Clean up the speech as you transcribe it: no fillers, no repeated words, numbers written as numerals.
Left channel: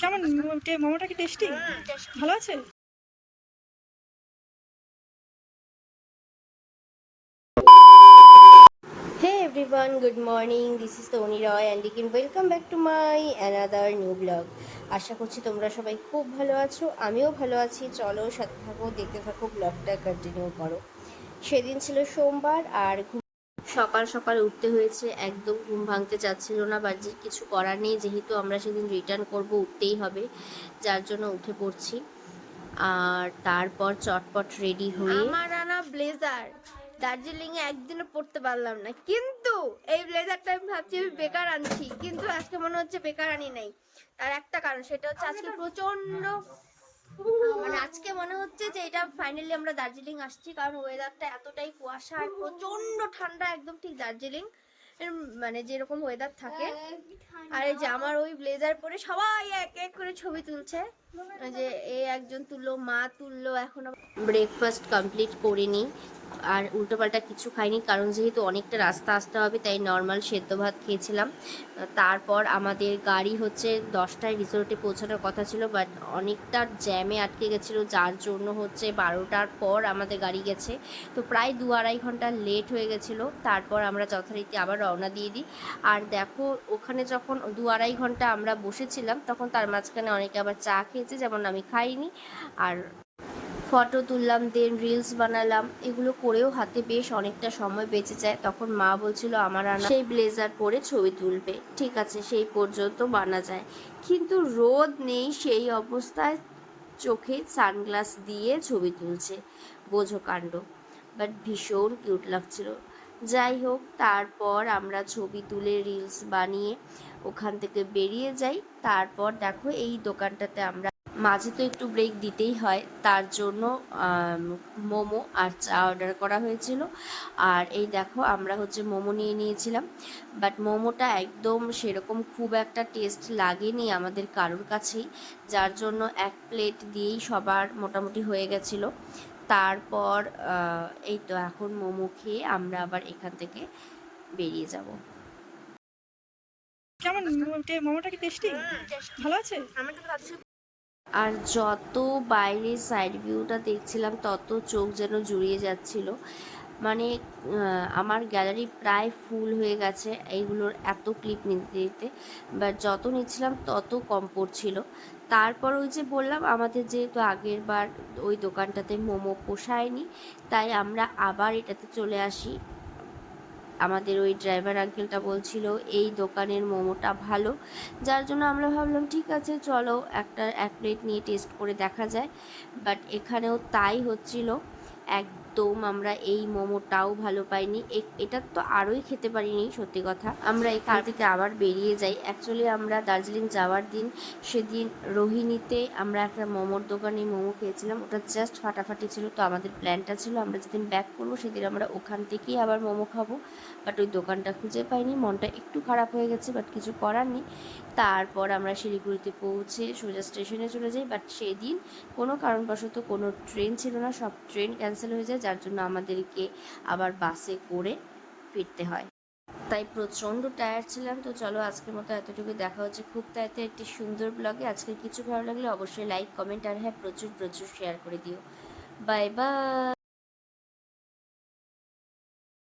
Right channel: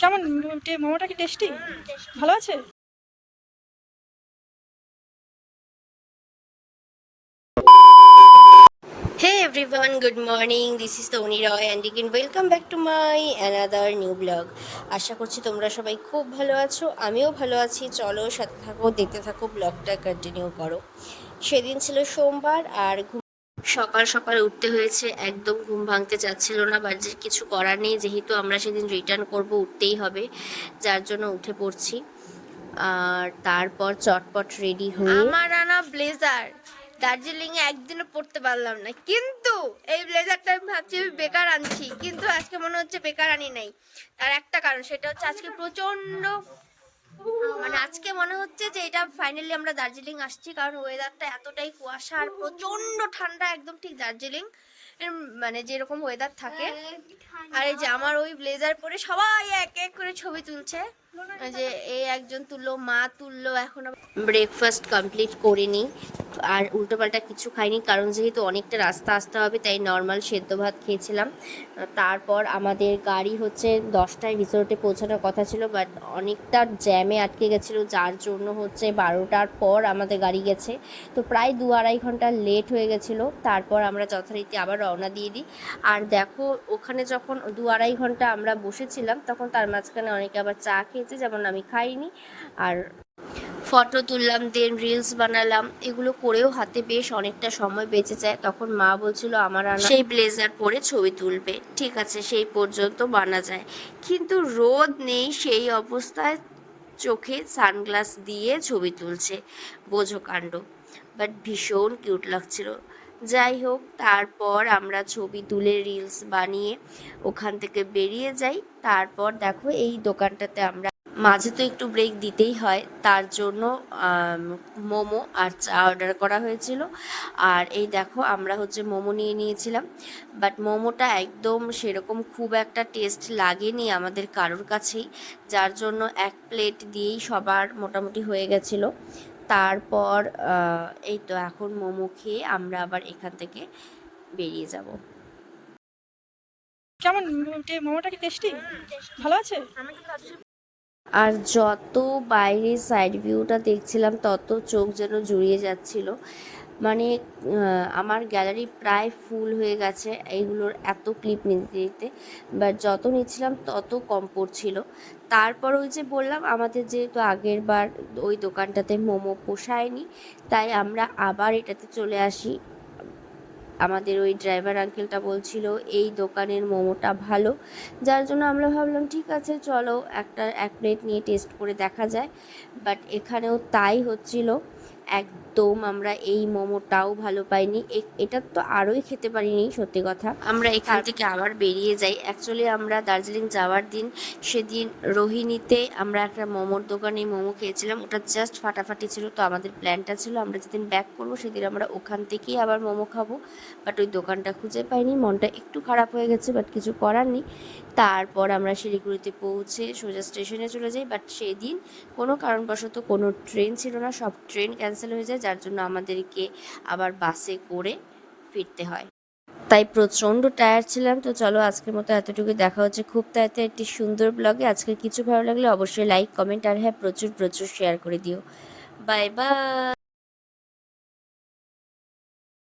কেমন মোমোটা কি টেস্টি? ভালো আছে? Hey everyone, good morning. This is Tony Roy and again welcome back to my another new vlog. আশা করছি তোমরা সবাই খুব ভালো আছো, আমিও ভালো আছি। চলো সাথে থাকো, দেখতে থাকো, ব্লগটা কন্টিনিউ করো। সেদিন ছিল সোমবার আর সকাল সকাল উঠতে হয়েছে, একদম ঘুম ভাঙতে চাচ্ছিল না, বাট যে কিছু করার নেই, যেহেতু আমরা সেদিন রিটার্ন করব, উঠতেই হবে, যার জন্য উঠে পড়ছি। আর তারপর চটপট রেডি হয়ে আমার আনা ব্লেজার দার্জিলিং এ একদিনও পরতে পারলাম না, কিন্তু এই ব্লেজারটা আমি ভাবছি আমি বেকার আনছি, কিন্তু আজকে মনে হচ্ছে বেকার আনি নাই। তার একটা কারণ, সেটা হচ্ছে আজকে প্রচন্ড, মানে আজকে মনে হচ্ছে যে এটা ফাইনালি আমরা দার্জিলিং আসছি, কারণ ওয়েদারটা এতটাই কুয়াশা আর প্রচন্ড ঠান্ডা, একদম ঠিক দার্জিলিং মানে যেরকম ওয়েদার থাকে। আর এই যে আমার ওই ব্লেজার পরে সবাই এক এক করে ছবি তুলছে, যে এই একজন তুললো, মা তুললো। এখন ব্রেকফাস্ট কমপ্লিট করে নিই, আর উল্টোপাল্টা কিছু খাইনি, কারণ যেহেতু অনেকটা রাস্তা আসতে হবে, তাই নর্মাল সেদ্ধ ভাত খেয়েছিলাম। তারপর আমাদের গাড়ি হচ্ছে 10টায় রিসোর্টে পৌঁছানোর কথা ছিল, বাট অনেকটা জ্যামে আটকে গেছিলো, যার জন্য হচ্ছে 12টার পর আমাদের গাড়ি গেছে। তো প্রায় 2-2.5 ঘন্টা লেট হয়ে গেছিলো। তারপর আমরা যথারীতি আবার রওনা দিয়ে দিই। আর দেখো, ওখানে যখন 2-2.5 ঘন্টা আমরা বসেছিলাম, তখন তার মাঝখানে অনেকে আবার চা খেয়েছে, যেমন আমি খাইনি। আর ফটো তুললাম, দেন রিলস বানালাম, এগুলো করেও হাতে বেশ অনেকটা সময় বেঁচে যায়। তখন মা বলছিল আমার আনা সেই ব্লেজার পরে ছবি তুলবে, ঠিক আছে সেই পর্যন্ত বানা যায়, কিন্তু রোদ নেই, সেই অবস্থায় চোখে সানগ্লাস দিয়ে ছবি তুলছে, বোঝো কাণ্ড। বাট ভীষণ কিউট লাগছিল। যাই হোক, তারপর আমরা ছবি তুলে রিলস বানিয়ে ওখান থেকে বেরিয়ে যাই। তারপর দেখো, এই দোকানটাতে আমরা মাঝে তো একটু ব্রেক দিতেই হয়, তার জন্য মোমো আর চা অর্ডার করা হয়েছিল। আর এই দেখো, আমরা হচ্ছে মোমো নিয়ে নিয়েছিলাম, বাট মোমোটা একদম সেরকম খুব একটা টেস্ট লাগেনি আমাদের কারোর কাছেই, যার জন্য এক প্লেট দিয়েই সবার মোটামুটি হয়ে গেছিলো। তারপর এই তো এখন মোমো খেয়ে আমরা আবার এখান থেকে বেরিয়ে যাব। কেমন মোমোটা কি টেস্টি? ভালো আছে? আর যত বাইরে সাইড ভিউটা দেখছিলাম, তত চোখ যেন জুড়িয়ে যাচ্ছিল। মানে আমার গ্যালারি প্রায় ফুল হয়ে গেছে এইগুলোর এত ক্লিপ নিতে নিতে, বাট যত নিচ্ছিলাম তত কম পড়ছিল। তারপর ওই যে বললাম, আমাদের যেহেতু আগের বার ওই দোকানটাতে মোমো পোষায়নি, তাই আমরা আবার এটাতে চলে আসি। আমাদের ওই ড্রাইভার আঙ্কেলটা বলছিল এই দোকানের মোমোটা ভালো, যার জন্য আমরা ভাবলাম ঠিক আছে চলো এক প্লেট নিয়ে টেস্ট করে দেখা যায়। বাট এখানেও তাই হচ্ছিল, একদম আমরা এই মোমোটাও ভালো পাইনি। এটার তো আরোই খেতে পারিনি, সত্যি কথা। আমরা এখান থেকে আবার বেরিয়ে যাই। অ্যাকচুয়ালি আমরা দার্জিলিং যাওয়ার দিন, সেদিন রোহিণীতে আমরা একটা মোমোর দোকানে মোমো খেয়েছিলাম, ওটা জাস্ট ফাটাফাটি ছিল। তো আমাদের প্ল্যানটা ছিল আমরা যেদিন ব্যাক করবো সেদিন আমরা ওখান থেকেই আবার মোমো খাবো, বাট ওই দোকানটা খুঁজে পাইনি, মনটা একটু খারাপ হয়ে গেছে, বাট কিছু করার নেই। তারপর আমরা শিলিগুড়িতে পৌঁছে সোজা স্টেশনে চলে যাই, বাট সেই দিন কোনো কারণবশত কোনো ট্রেন ছিল না, সব ট্রেন ক্যান্সেল হয়ে যায়, যার জন্য আমাদেরকে আবার বাসে করে ফিরতে হয়। তাই প্রচণ্ড টায়ার্ড ছিলাম। তো চলো, আজকের মতো এতটুকু, দেখা হচ্ছে খুব তাড়াতাড়ি একটি সুন্দর ব্লগে। আজকের কিছু ভালো লাগলে অবশ্যই লাইক, কমেন্ট আর হ্যাঁ, প্রচুর প্রচুর শেয়ার করে দিও। Bye bye.